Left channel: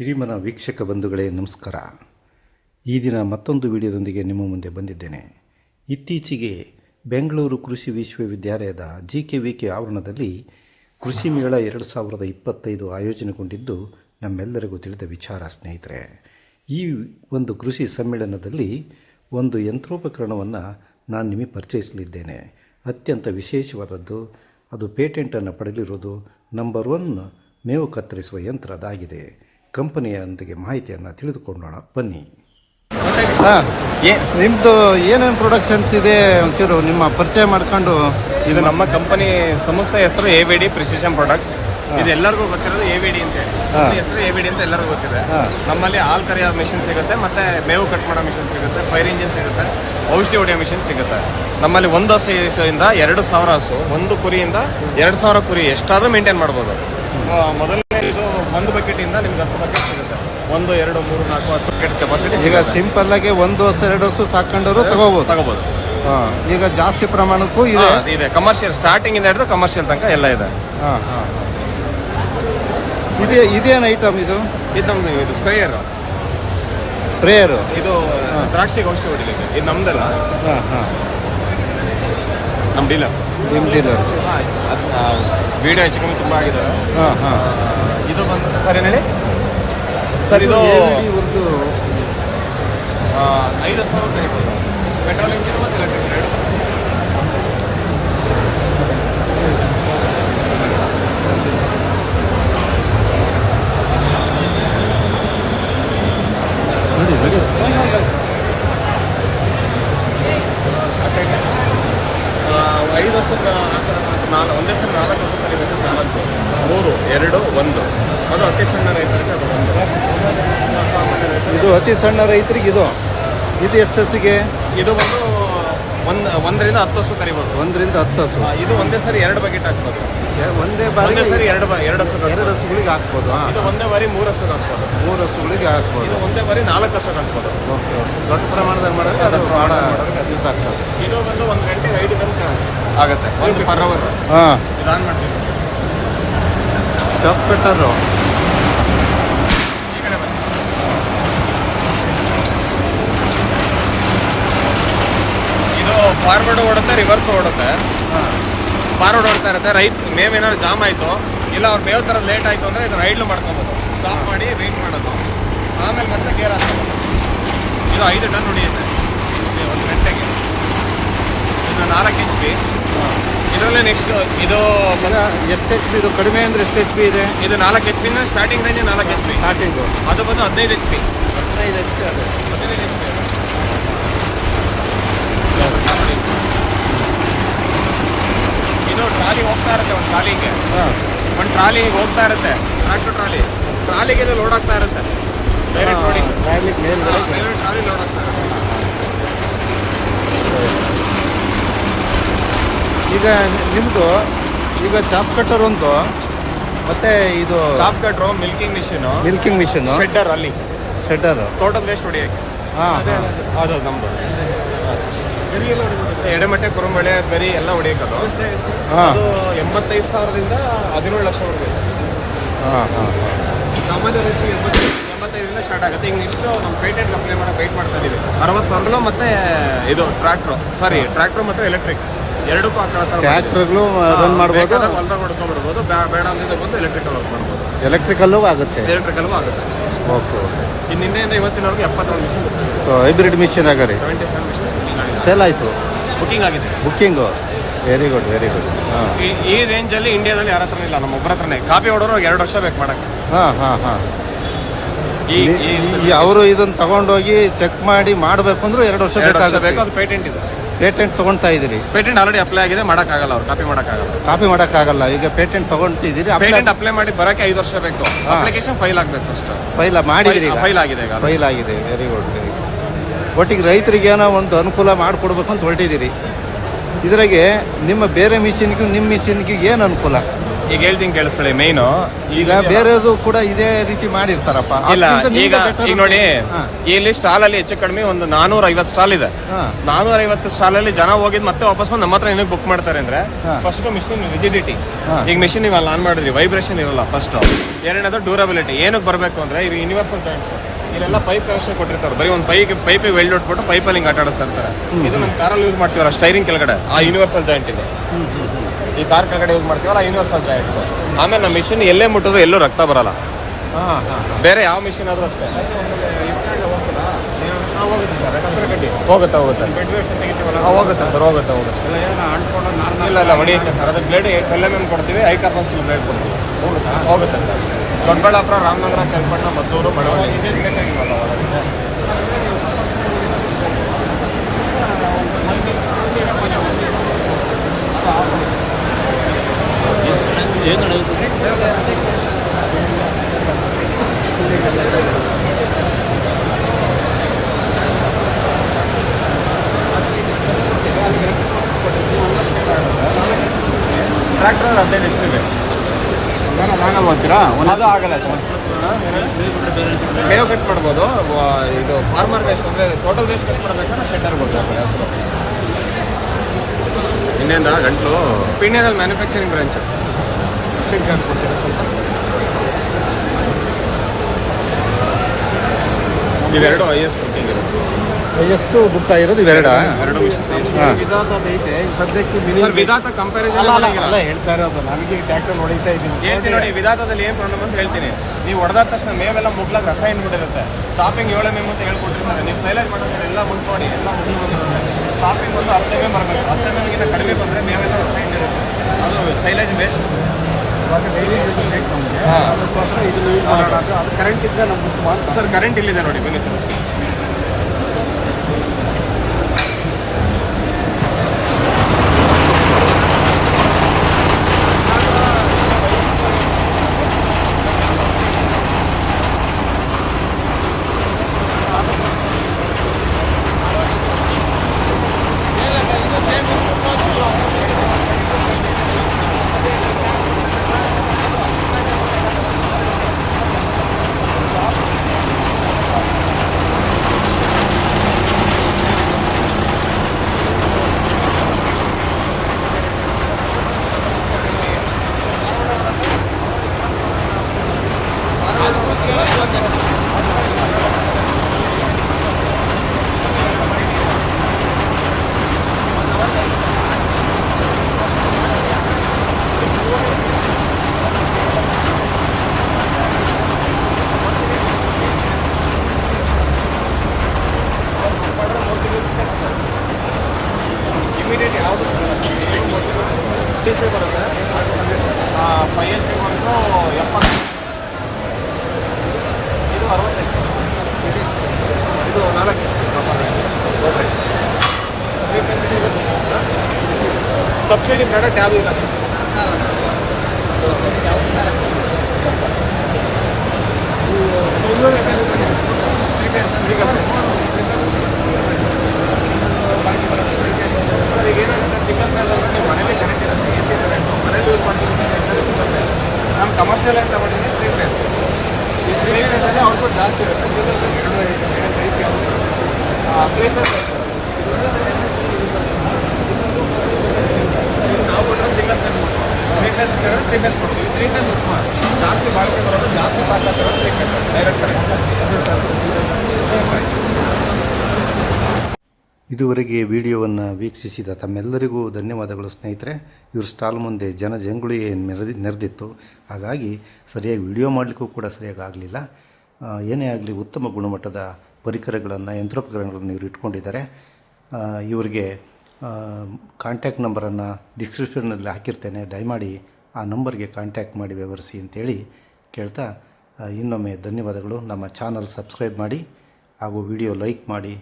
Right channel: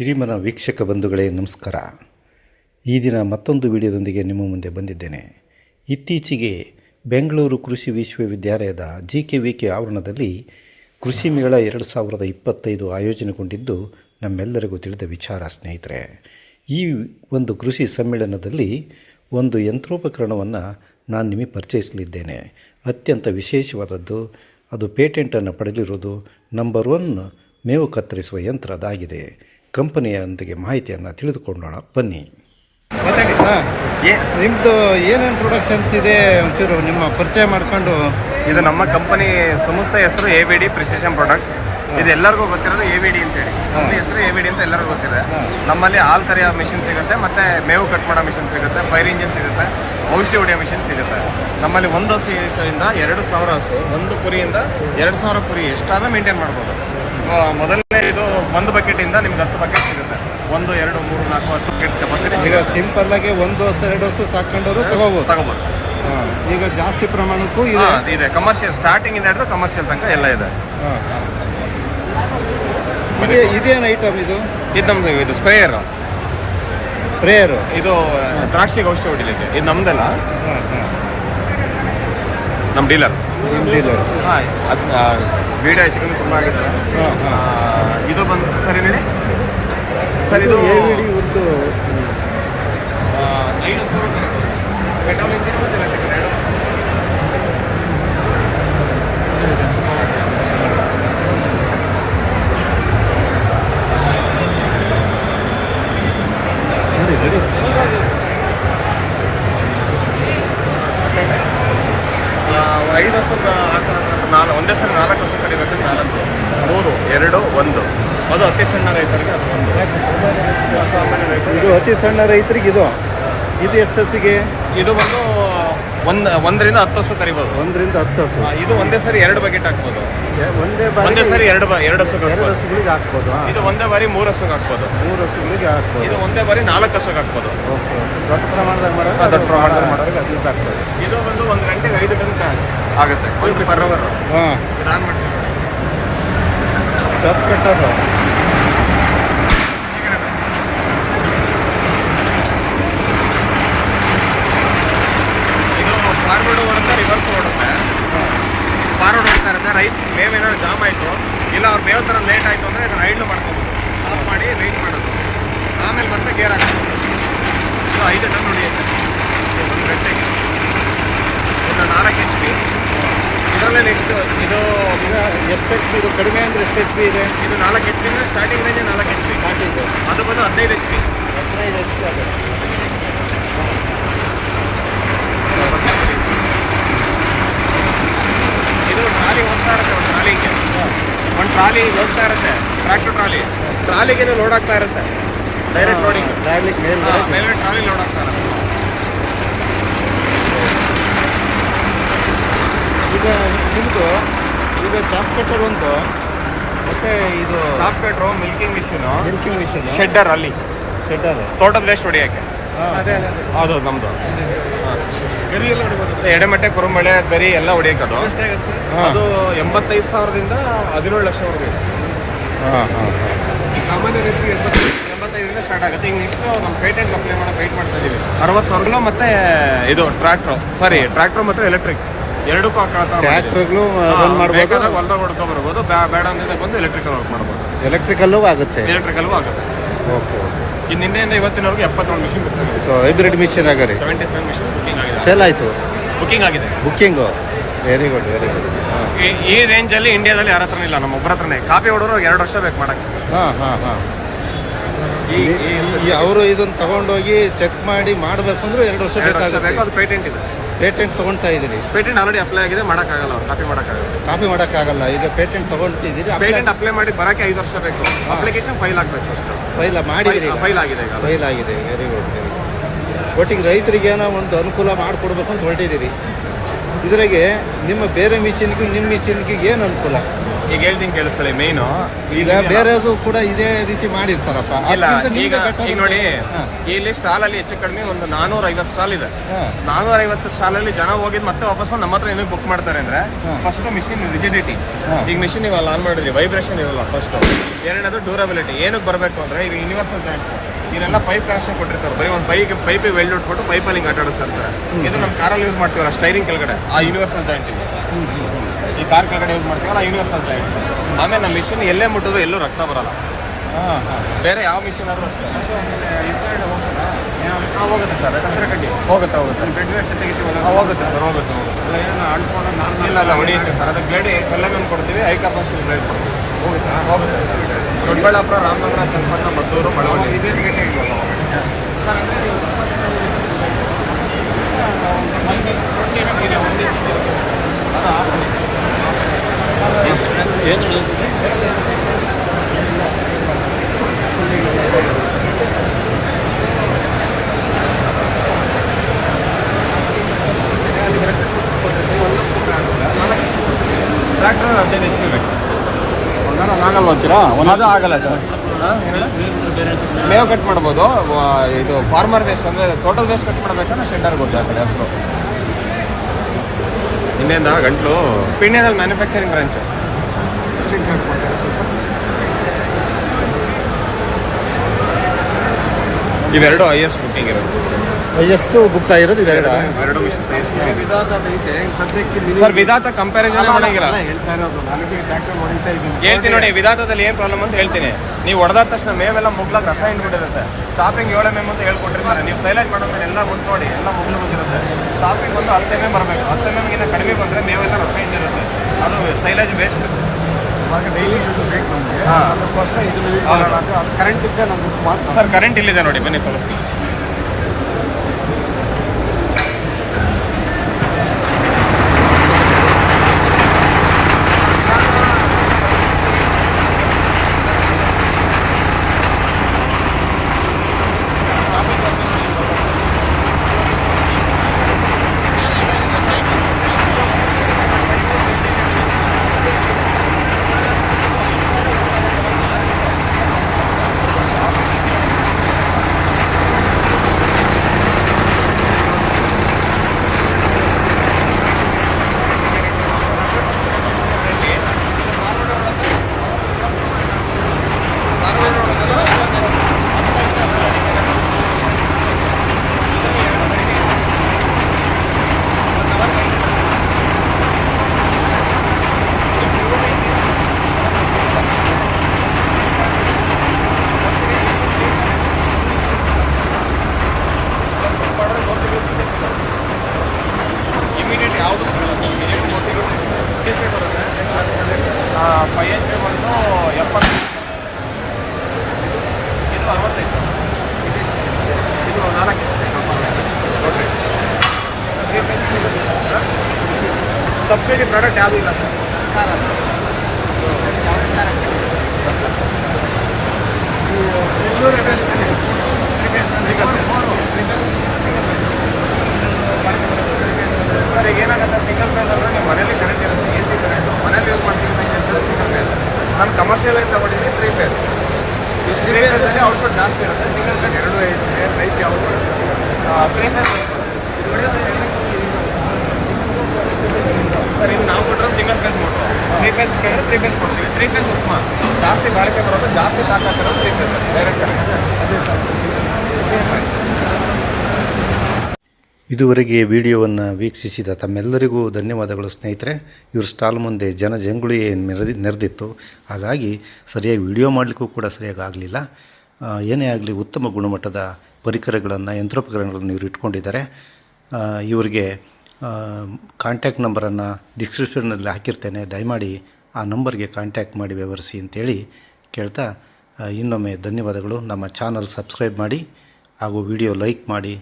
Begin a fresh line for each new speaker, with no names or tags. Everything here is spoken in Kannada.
ಸಿರಿಮನ ವೀಕ್ಷಕ ಬಂಧುಗಳೇ, ನಮಸ್ಕಾರ. ಈ ದಿನ ಮತ್ತೊಂದು ವಿಡಿಯೋದೊಂದಿಗೆ ನಿಮ್ಮ ಮುಂದೆ ಬಂದಿದ್ದೇನೆ. ಇತ್ತೀಚೆಗೆ ಬೆಂಗಳೂರು ಕೃಷಿ ವಿಶ್ವವಿದ್ಯಾಲಯದ ಜಿ ಕೆ ವಿ ಕೆ ಆವರಣದಲ್ಲಿ ಕೃಷಿ ಮೇಳ ಎರಡು ಸಾವಿರದ ಇಪ್ಪತ್ತೈದು ಆಯೋಜನೆಗೊಂಡಿದ್ದು ನಮ್ಮೆಲ್ಲರಿಗೂ ತಿಳಿದ ವಿಚಾರ, ಸ್ನೇಹಿತರೆ. ಈ ಒಂದು ಕೃಷಿ ಸಮ್ಮೇಳನದಲ್ಲಿ ಒಂದು ಯಂತ್ರೋಪಕರಣವನ್ನು ನಾನು ನಿಮಗೆ ಪರಿಚಯಿಸಲಿದ್ದೇನೆ. ಅತ್ಯಂತ ವಿಶೇಷವಾದದ್ದು, ಅದು ಪೇಟೆಂಟನ್ನು ಪಡೆದಿರುವುದು ನಂಬರ್ ಒನ್ ಮೇವು ಕತ್ತರಿಸುವ ಯಂತ್ರ ಅದಾಗಿದೆ ಕಂಪನಿಯೊಂದಿಗೆ ಮಾಹಿತಿಯನ್ನು ತಿಳಿದುಕೊಂಡೋಣ. ಬನ್ನಿ.
ಹಾಂ ನಿಮ್ಮದು ಏನೇನು ಪ್ರೊಡಕ್ಷನ್ಸ್ ಇದೆ ಒಂಚೂರು ನಿಮ್ಮ ಪರಿಚಯ ಮಾಡ್ಕೊಂಡು?
ಇದು ನಮ್ಮ ಕಂಪನಿ ಸಂಸ್ಥೆ ಹೆಸರು A V D precision products ಇದು ಎಲ್ಲರಿಗೂ ಗೊತ್ತಿರೋದು ಎ ವಿ ಡಿ ಅಂತ ಹೇಳಿ. ಈ ಹೆಸರು ಎ ವಿ ಡಿ ಅಂತ ಎಲ್ಲರಿಗೂ ಗೊತ್ತಿದೆ. ನಮ್ಮಲ್ಲಿ ಹಾಲ್ ಕರಿಯೋ ಮಿಷಿನ್ ಸಿಗುತ್ತೆ ಮತ್ತೆ ಮೇವು ಕಟ್ ಮಾಡೋ ಮಿಷಿನ್ ಸಿಗುತ್ತೆ ಫೈರ್ ಇಂಜಿನ್ ಸಿಗುತ್ತೆ ಔಷಧಿ ಹೊಡೆಯೋ ಮಿಷಿನ್ ಸಿಗುತ್ತೆ. ನಮ್ಮಲ್ಲಿ ಒಂದು ಹಸುವಿಂದ ಎರಡು ಸಾವಿರ ಹಸು ಒಂದು ಕುರಿಯಿಂದ ಎರಡು ಸಾವಿರ ಕುರಿ ಎಷ್ಟಾದರೂ ಮೇಂಟೈನ್ ಮಾಡ್ಬೋದು. ಮೊದಲನೇ ಇದು ಒಂದು ಬಕೆಟಿಂದ ನಿಮ್ಗೆ ಹತ್ತು ಬಕೆಟ್ ಸಿಗುತ್ತೆ. ಒಂದು ಎರಡು ಮೂರು ನಾಲ್ಕು ಹತ್ತು ಕೆಪಾಸಿಟಿ
ಈಗ ಸಿಂಪಲ್ ಆಗಿ ಒಂದು ವರ್ಷ ಎರಡು ವರ್ಷ ಸಾಕೊಂಡವರು ತಗೋಬಹುದು
ತಗೋಬಹುದು
ಹಾಂ ಈಗ ಜಾಸ್ತಿ ಪ್ರಮಾಣಕ್ಕೂ ಇದೆ.
ಇದೆ. ಕಮರ್ಷಿಯಲ್ ಸ್ಟಾರ್ಟಿಂಗ್ ಇಂದ ಹಿಡಿದು ಕಮರ್ಷಿಯಲ್ ತನಕ ಎಲ್ಲ ಇದೆ.
ಹಾಂ ಹಾಂ. ಇದೇ ಇದೇನು ಐಟಮ್ ಇದು?
ಇದು ನಮ್ದು ಇದು ಸ್ಪ್ರೇಯರ್
ಸ್ಪ್ರೇಯರು
ಇದು ದ್ರಾಕ್ಷಿ ಔಷಧಿ ಹೊಡಿಲಿಕ್ಕೆ. ಇದು ನಮ್ದಲ್ಲ.
ಹಾಂ ಹಾಂ.
ನಮ್ಮ ಡೀಲರ್.
ನಿಮ್ಮ ಡೀಲರ್.
ವಿಡಿಯೋ ಹೆಚ್ಚು ಕಮ್ಮಿ ತುಂಬ ಆಗಿದೆ.
ಹಾಂ ಹಾಂ.
ಇದು ಬಂದು ಸರಿ ಹೇಳಿ? ಸರ್
ಇದು ಎ ವಿ ಡಿ ಒಂದು
ಐದು ಸಾವಿರ ಪೆಟ್ರೋಲ್ ಇಂಜಿನ್ ಮತ್ತು electric ಎರಡು ಸಾವಿರ.
ನೋಡಿ ನೋಡಿ
ಆ, ಹಸು ನಾಲ್ಕು ಒಂದೇ ಸರಿ ನಾಲ್ಕು ಹಸು ಕರಿಬೇಕಂದ್ರೆ ನಾಲ್ಕು ಮೂರು ಎರಡು ಒಂದು. ಅದು ಅತಿ ಸಣ್ಣ ರೈತರಿಗೆ ಅದು ಒಂದು.
ಇದು ಅತಿ ಸಣ್ಣ ರೈತರಿಗೆ ಇದು? ಇದು ಎಷ್ಟು ಹಸಿಗೆ?
ಇದು ಒಂದು ಒಂದು ಒಂದರಿಂದ ಹತ್ತು ಹಸು ಕರಿಬೋದು.
ಒಂದರಿಂದ ಹತ್ತು ಹಸು.
ಇದು ಒಂದೇ ಸರಿ ಎರಡು ಬಕೆಟ್ ಹಾಕ್ಬೋದು.
ಎ- ಒಂದೇ ಬಾರಿ
ಒಂದೇ ಸರಿ ಎರಡು ಬ- ಎರಡು ಹಸು
ಎರಡು ಹಸುಗಳಿಗೆ ಹಾಕ್ಬೋದು
ಇದು ಒಂದೇ ಬಾರಿ ಮೂರು ಹಸುಗೆ ಹಾಕ್ಬೋದು.
ಮೂರು ಹಸುಗಳಿಗೆ ಹಾಕ್ಬೋದು.
ಇದು ಒಂದೇ ಬಾರಿ ನಾಲ್ಕು ಹಸುಗೆ ಹಾಕ್ಬೋದು.
Okay okay. ದೊಡ್ಡ ಪ್ರಮಾಣದಾಗ ಮಾಡಿದ್ರೆ ಅದು ಭಾಳ ಯೂಸ್ ಆಗ್ತದೆ.
ಇದು ಬಂದು ಒಂದು ಗಂಟೆಗೆ ಐದು ಗಂಟೆ ಆಗುತ್ತೆ.
ಹಾಂ. ಚಫ್ ಕಟ್ಟರು
ಇದು ಫಾರ್ವರ್ಡ್ ಓಡುತ್ತೆ ರಿವರ್ಸ್ ಓಡುತ್ತೆ. ಫಾರ್ವರ್ಡ್ ಓಡ್ತಾ ಇರುತ್ತೆ ರೈತ ಮೇವ್ ಏನಾದ್ರು ಜಾಮ್ ಆಯಿತು ಇಲ್ಲ ಅವ್ರು ಮೇವ್ ಥರ ಲೇಟ್ ಆಯಿತು ಅಂದರೆ ಇದು ರೈಡ್ಲು ಮಾಡ್ಕೊಬೋದು. ಸ್ಟಾಪ್ ಮಾಡಿ ವೆಯ್ಟ್ ಮಾಡೋದು. ಆಮೇಲೆ ಮತ್ತೆ ಗೇರ್ ಹಾಕೋದು ಇದು ಐದು ಟನ್ ಹೊಡಿಯುತ್ತೆ ಇದು ಒಂದು ಗಂಟೆಗೆ ಇನ್ನು ನಾಲ್ಕು ಎಚ್ ಪಿ ಇದರಲ್ಲೇ ನೆಕ್ಸ್ಟ್ ಇದು
ಈಗ ಎಷ್ಟು ಎಚ್ ಪಿ ಇದು ಕಡಿಮೆ ಅಂದರೆ ಎಷ್ಟು ಎಚ್ ಪಿ ಇದೆ.
ಇದು ನಾಲ್ಕು ಎಚ್ ಪಿ ಸ್ಟಾರ್ಟಿಂಗ್ ರೇಂಜ್ ನಾಲ್ಕು ಎಚ್ ಪಿ
ಸ್ಟಾರ್ಟಿಂಗು
ಅದು ಬಂದು ಹದಿನೈದು ಎಚ್ ಪಿ
ಹದಿನೈದು ಎಚ್ ಪಿ ಅದು.
ಇದು ಟ್ರಾಲಿ ಹೋಗ್ತಾ ಇರುತ್ತೆ ಒಂದು ಟ್ರಾಲಿಗೆ. ಒಂದು ಟ್ರಾಲಿ ಹೋಗ್ತಾ ಇರುತ್ತೆ ಟ್ರಾಕ್ಟರ್ ಟ್ರಾಲಿ. ಟ್ರಾಲಿಗೆ ಲೋಡ್ ಆಗ್ತಾ ಇರುತ್ತೆ. ಡೈರೆಕ್ಟ್
ಟ್ರಾಲಿಗೆ ಮೇಲ್ಗಡೆ
ಮೇಲೆ ಟ್ರಾಲಿ ಲೋಡ್ ಆಗ್ತಾ ಇರುತ್ತೆ.
ಈಗ ನಿಮ್ಮದು ಈಗ ಚಾಪ್ ಕಟ್ಟರ್ ಒಂದು ಮತ್ತೆ ಇದು
chop cutter milking machine
milking machine
shredder ಅಲ್ಲಿ.
ಶೆಡ್ಡರ್
ತೋಟದ ವೇಸ್ಟ್ ಹೊಡಿಯಕ್ಕೆ
ಹಾಂ.
ಹೌದು ನಮ್ದು. ಎಡೆಮಟ್ಟೆ ಕುರುಮಳೆ ಗರಿ ಎಲ್ಲ ಹೊಡಿಯಕ್ಕೆ ಅದು
ಹಾಂ.
ಅದು ಎಂಬತ್ತೈದು ಸಾವಿರದಿಂದ ಹದಿನೇಳು ಲಕ್ಷ ಹೊಡಿಬೇಕು
ಹಾಂ ಹಾಂ ಹಾಂ.
ಸಾಮಾನ್ಯ ರೈತರಿಗೆ ಎಂಬತ್ತೈದರಿಂದ ಸ್ಟಾರ್ಟ್ ಆಗುತ್ತೆ. ಈಗ ನೆಕ್ಸ್ಟ್ ನಮ್ಮ ಪೇಟೆಂಟ್ ಅಪ್ಲೈ ಮಾಡೋ ವೆಯ್ಟ್ ಮಾಡ್ತಿದ್ದೀವಿ ಅರವತ್ತು ಸಾವಿರ. ಮತ್ತೆ ಇದು ಟ್ರ್ಯಾಕ್ಟ್ರು ಸಾರಿ ಟ್ರ್ಯಾಕ್ಟ್ರು ಮತ್ತು ಎಲೆಕ್ಟ್ರಿಕ್ ಎರಡಕ್ಕೂ
ಟ್ರ್ಯಾಕ್ಟರ್ಗಳು ರನ್ ಮಾಡ್ಬೋದು.
ಹೊಲ್ದಾಗ ಹೊಡ್ಕೊಂಡು ಬರ್ಬೋದು. ಬ್ಯಾ- ಬೇಡ ಅಂದ್ರೆ ಬಂದು ಎಲೆಕ್ಟ್ರಿಕಲ್ ಮಾಡ್ಬೋದು.
ಎಲೆಕ್ಟ್ರಿಕಲ್ಲೂ ಆಗುತ್ತೆ.
ಎಲೆಕ್ಟ್ರಿಕಲ್ಗೂ ಆಗುತ್ತೆ.
ಓಕೆ ಓಕೆ
ಇನ್ನು ನಿನ್ನೆಯಿಂದ ಇವತ್ತಿನವರೆಗೂ ಎಪ್ಪತ್ತೆರಡು ಮಿಷಿನ್
ಸೊ ಹೈಬ್ರಿಡ್ ಮಿಷನ್ ಆಗರಿ
ಸೆವೆಂಟಿ ಸೆವೆನ್ ಮಿಷಿನ್
ಸೇಲ್ ಆಯಿತು.
ಬುಕಿಂಗ್ ಆಗಿದೆ.
Booking very good very good ಹಾಂ.
ಈ- ರೇಂಜಲ್ಲಿ ಇಂಡಿಯಾದಲ್ಲಿ ಯಾರ ಹತ್ರನೂ ಇಲ್ಲ ನಮ್ಮ ಒಬ್ಬರ ಹತ್ರನೇ. ಕಾಪಿ ಹೊಡೋರು ಎರಡು ವರ್ಷ ಬೇಕು ಮಾಡೋಕ್ಕೆ.
ಹಾಂ ಹಾಂ ಹಾಂ.
ಈ
ಅವರು ಇದನ್ನು ತಗೊಂಡೋಗಿ ಚೆಕ್ ಮಾಡಿ ಮಾಡಬೇಕು ಅಂದ್ರೂ ಎರಡು ವರ್ಷ ಬೇಕಾಗುತ್ತೆ.
ಅದು ಪೇಟೆಂಟ್ ಇದೆ.
ಪೇಟೆಂಟ್ ತೊಗೊಳ್ತಾ ಇದ್ದೀರಿ.
ಪೇಟೆಂಟ್ ಆಲ್ರೆಡಿ ಅಪ್ಲೈ ಆಗಿದೆ ಮಾಡೋಕ್ಕಾಗಲ್ಲ ಅವ್ರು ಕಾಪಿ ಮಾಡೋಕ್ಕಾಗಲ್ಲ.
ಕಾಪಿ ಮಾಡೋಕ್ಕಾಗಲ್ಲ. ಈಗ ಪೇಟೆಂಟ್ ತೊಗೊಳ್ತಿದ್ದೀರಿ
ಪೇಟೆಂಟ್ ಅಪ್ಲೈ ಮಾಡಿ ಬರೋಕ್ಕೆ ಐದು ವರ್ಷ ಬೇಕು. ಅಪ್ಲಿಕೇಶನ್ ಫೈಲ್ ಆಗಬೇಕು ಫಸ್ಟ್
ಫೈಲ್ ಮಾಡಿದ್ರಿ ಈಗ?
ಫೈಲ್ ಆಗಿದೆ ಈಗ.
ಫೈಲ್ ಆಗಿದೆ ವೆರಿ ಗುಡ್ ವೆರಿ ಒಟ್ಟಿಗೆ ರೈತರಿಗೆ ಏನೋ ಒಂದು ಅನುಕೂಲ ಮಾಡಿಕೊಡ್ಬೇಕು ಅಂತ ಹೊರಟಿದ್ದೀರಿ. ಇದರಾಗೆ ನಿಮ್ಮ ಬೇರೆ ಮಿಷಿನ್ಗೂ ನಿಮ್ಮ ಮಿಷಿನ್ಗೆ ಏನು ಅನುಕೂಲ?
ಈಗ ಹೇಳ್ತೀನಿ ಕೇಳಿಸ್ಕೊಳ್ಳಿ ಮೇಯ್ನು
ಈಗ ಬೇರೆದು ಕೂಡ ಇದೇ ರೀತಿ ಮಾಡಿರ್ತಾರಪ್ಪ.
ಇಲ್ಲ ಈಗ
ನಿಮ್ದೇ better
ಈಗ ನೋಡಿ
ಹಾ.
ಇಲ್ಲಿ ಸ್ಟಾಲ್ ಅಲ್ಲಿ ಹೆಚ್ಚು ಕಡಿಮೆ ಒಂದು ನಾನೂರ ಐವತ್ತು ಸ್ಟಾಲ್ ಇದೆ.
ಹಾ.
ನಾನೂರ ಐವತ್ತು ಸ್ಟಾಲ್ ಅಲ್ಲಿ ಜನ ಹೋಗಿದ್ ಮತ್ತೆ ವಾಪಸ್ ಬಂದು ನಮ್ಮ ಹತ್ರ ಏನಕ್ಕೆ ಬುಕ್ ಮಾಡ್ತಾರೆ ಅಂದ್ರೆ
ಹಾ.
ಫಸ್ಟ್ ಮಿಷಿನ್ ರಿಜಿಡಿಟಿ
ಹಾ.
ಈಗ ಮಿಷಿನ್ ಇವಾಗ ಆನ್ ಮಾಡಿದ್ರಿ ವೈಬ್ರೇಷನ್ ಇರಲ್ಲ ಫಸ್ಟ್ ಎರಡನೇದು ಡ್ಯೂರಬಿಲಿಟಿ ಏನಕ್ಕೆ ಬರಬೇಕು ಅಂದ್ರೆ ಈಗ ಯೂನಿವರ್ಸಲ್ ಟೈಮ್ಸ್ ಇದೆಲ್ಲ ಪೈಪ್ ಕನೆಕ್ಷನ್ ಕೊಟ್ಟಿರ್ತಾರೆ. ಬರೀ ಒಂದು ಪೈಪ್ ಪೈಪ್ ವೆಲ್ಡ್ ಉಟ್ಬಿಟ್ಟು ಪೈಪಲ್ಲಿ ಹಿಂಗೆ ಆಟ ಆಡಿಸ್ತಾರೆ ಇದು ನಮ್ಮ ಕಾರಲ್ಲಿ ಯೂಸ್ ಮಾಡ್ತೀವಿ ಸ್ಟೈರಿಂಗ್ ಕೆಳಗಡೆ ಆ ಯೂನಿವರ್ಸಲ್ ಜಾಯಿಂಟ್ ಇದೆ. ಈ ಕಾರ್ ಕೆಳಗಡೆ ಯೂಸ್ ಮಾಡ್ತೀವಲ್ಲ ಆ ಯೂನಿವರ್ಸಲ್ ಜಾಯಿಂಟ್ಸ್ ಆಮೇಲೆ ನಮ್ಮ ಮಿಷಿನ್ ಎಲ್ಲೇ ಮುಟ್ಟೋದು ಎಲ್ಲೂ ರಕ್ತ ಬರಲ್ಲ.
ಹಾಂ ಹಾಂ
ಬೇರೆ ಯಾವ ಮಿಷಿನ್ ಆದರೂ ಅಷ್ಟೇ. ಹೋಗುತ್ತೆ ಸರ್ ಹೆಸರು ಕಡ್ಡಿ ಹೋಗುತ್ತೆ ಹೋಗುತ್ತೆ. ಹಾ, ಹೋಗುತ್ತೆ ಸರ್ ಹೋಗುತ್ತೆ ಹೋಗುತ್ತೆ. ಇಲ್ಲ ಇಲ್ಲ ಹೊಡಿಯುತ್ತೆ ಸರ್ ಅದಕ್ಕೆ ಬ್ಲೇಡ್ ಕಲ್ಲಮೀನು ಕೊಡ್ತೀವಿ ಐ ಕಾಪಷ್ಟು ಬ್ಲೇಡ್ ಹೋಗುತ್ತೆ ಹೋಗುತ್ತೆ. ದೊಡ್ಡಬಳ್ಳಾಪುರ ರಾಮನಗರ ಚನ್ನಪಟ್ಟಣ ಮದ್ದೂರು ಬಡವಾಗಿ ಇದೆ ಟ್ರ್ಯಾಕ್ಟರ್ ಹದಿನೈದು ಎಷ್ಟಿದೆ
ನಾಗಲ್ ಹೋಗ್ತೀರಾ
ಅದು ಆಗಲ್ಲ ಸರ್. ಮೇವು ಕಟ್ ಮಾಡ್ಬೋದು. ಇದು ಫಾರ್ಮರ್ ವೇಸ್ಟ್ ಅಂದರೆ ಟೋಟಲ್ ವೇಸ್ಟ್ ಕಟ್ ಮಾಡ್ಬೇಕಂದ್ರೆ ಶೆಡ್ಡರ್ ಗೊತ್ತಾಗ್ತದೆ ಹೆಸರು ಇನ್ನೇನು ಗಂಟ್ಲು? ಪಿಣ್ಯದಲ್ಲಿ ಮ್ಯಾನುಫ್ಯಾಕ್ಚರಿಂಗ್ ಬ್ರಾಂಚ್ ಇವೆರಡು ಐ ಎಸ್ ಬುಕ್ಕಿಂಗ್ ಇರುತ್ತೆ.
ಎಷ್ಟು ಬುಕ್ ಆಗಿರೋದು ಇವೆರಡ?
ಎರಡು ಮಿಷನ್ಸ್
ಸದ್ಯಕ್ಕೆ
ಸರ್ ವಿಧಾತ ಕಂಪ್ಯಾರಿಸನ್
ಹೇಳ್ತಾ ಇರೋದು. ನಮಗೆ ಟ್ರ್ಯಾಕ್ಟರ್ ಹೊಡಿತಾ
ಹೇಳ್ತೀನಿ ನೋಡಿ ವಿಧಾತದಲ್ಲಿ ಏನು ಪ್ರಾಬ್ಲಮ್ ಅಂತ ಹೇಳ್ತೀನಿ. ನೀವು ಹೊಡೆದಾದ ತಕ್ಷಣ ಮೇವೆಲ್ಲ ಮುಗ್ಲಾಗ ರಸ ಹಿಂಡ್ಬಿಟ್ಟಿರುತ್ತೆ. ಶಾಪಿಂಗ್ ಏಳು ಮೇಮ್ ಅಂತ ಹೇಳ್ಕೊಟ್ಟಿರ್ತಾರೆ. ನೀವು ಸೈಲೇಜ್ ಮಾಡೋ ಮೇಲೆ ಎಲ್ಲ ಮುಗ್ ನೋಡಿ ಎಲ್ಲ ಮುಗ್ಲು ಬಂದಿರುತ್ತೆ ಶಾಪಿಂಗ್ ಬಂದು ಹತ್ತು ಮೇ ಬರಬೇಕು. ಹತ್ತು ಎಂ ಎಮ್ಗಿಂತ ಕಡಿಮೆ ಬಂದರೆ ಮೇವೆಲ್ಲ ರಸ ಹಿಂಡಿರುತ್ತೆ. ಅದು ಸೈಲೇಜ್ ವೇಸ್ಟ್ ಹಾಂ.
ಕರೆಂಟ್ ಇದ್ದರೆ ನಮ್ಗೆ ಮಾತ್ರ.
ಸರ್ ಕರೆಂಟ್ ಇಲ್ಲಿದೆ ನೋಡಿ ಬನ್ನಿ ತೋರಿಸ್ತೀನಿ. ಮೊಟ್ಟಿಗೆ ಟಿ ಪಿ ಬರುತ್ತೆ. ಫೈವ್ ಎಚ್ ಬಂದು ಎಪ್ಪತ್ತು. ಇದು ಅರವತ್ತೈದು. ಇದು ನಾಲ್ಕು ಸಬ್ಸಿಡಿ ಪ್ರಾಡಕ್ಟ್ ಯಾವುದು ಇಲ್ಲ ಈಗ ಏನಾಗುತ್ತೆ ಸಿಂಗಲ್ ಫೇಸ್ ಅಂದರೆ ನೀವು ಮನೇಲಿ ಕರೆಂಟ್ ಇರುತ್ತೆ ಎ ಸಿ ಕರೆಂಟ್ ಮನೇಲಿ ಯೂಸ್ ಮಾಡ್ತೀವಿ ಅಂತಂದ್ರೆ ಸಿಂಗಲ್ ಫೇಸ್ ನಾನು ಕಮರ್ಷಿಯಲ್ ಆಗಿ ತಗೊಂಡಿದ್ದೀನಿ ತ್ರೀ ಫೇಸ್ ತ್ರೀ
ಇದುವರೆಗೆ ವಿಡಿಯೋವನ್ನು ವೀಕ್ಷಿಸಿದ ತಮ್ಮೆಲ್ಲರಿಗೂ ಧನ್ಯವಾದಗಳು ಸ್ನೇಹಿತರೆ. ಇವ್ರ ಸ್ಟಾಲ್ ಮುಂದೆ ಜನ ಜಂಗುಳಿ ನೆರೆದಿ, ನೆರೆದಿತ್ತು. ಹಾಗಾಗಿ ಸರಿಯಾಗಿ ವಿಡಿಯೋ ಮಾಡಲಿಕ್ಕೂ ಕೂಡ ಸರಿಯಾಗಿ ಆಗಲಿಲ್ಲ. ಏನೇ ಆಗಲಿ ಉತ್ತಮ ಗುಣಮಟ್ಟದ ಪರಿಕರಗಳನ್ನು, ಯಂತ್ರೋಪಕರಣಗಳನ್ನು ಇವರು ಇಟ್ಕೊಂಡಿದ್ದಾರೆ. ಇವರಿಗೆ ಕಾಂಟ್ಯಾಕ್ಟ್ ನಂಬರನ್ನು ಡಿಸ್ಕ್ರಿಪ್ಷನ್ನಲ್ಲಿ ಹಾಕಿರ್ತೇನೆ. ದಯಮಾಡಿ ಆ ನಂಬರ್ಗೆ ಕಾಂಟ್ಯಾಕ್ಟ್ ಮಾಡಿ ವಿವರಿಸಿ ಅಂತೇಳಿ ಕೇಳ್ತಾ ಇನ್ನೊಮ್ಮೆ ಧನ್ಯವಾದಗಳು. ನಮ್ಮ ಚಾನಲ್ ಸಬ್ಸ್ಕ್ರೈಬ್ ಮಾಡಿ ಹಾಗೂ ವಿಡಿಯೋ ಲೈಕ್ ಮಾಡಿ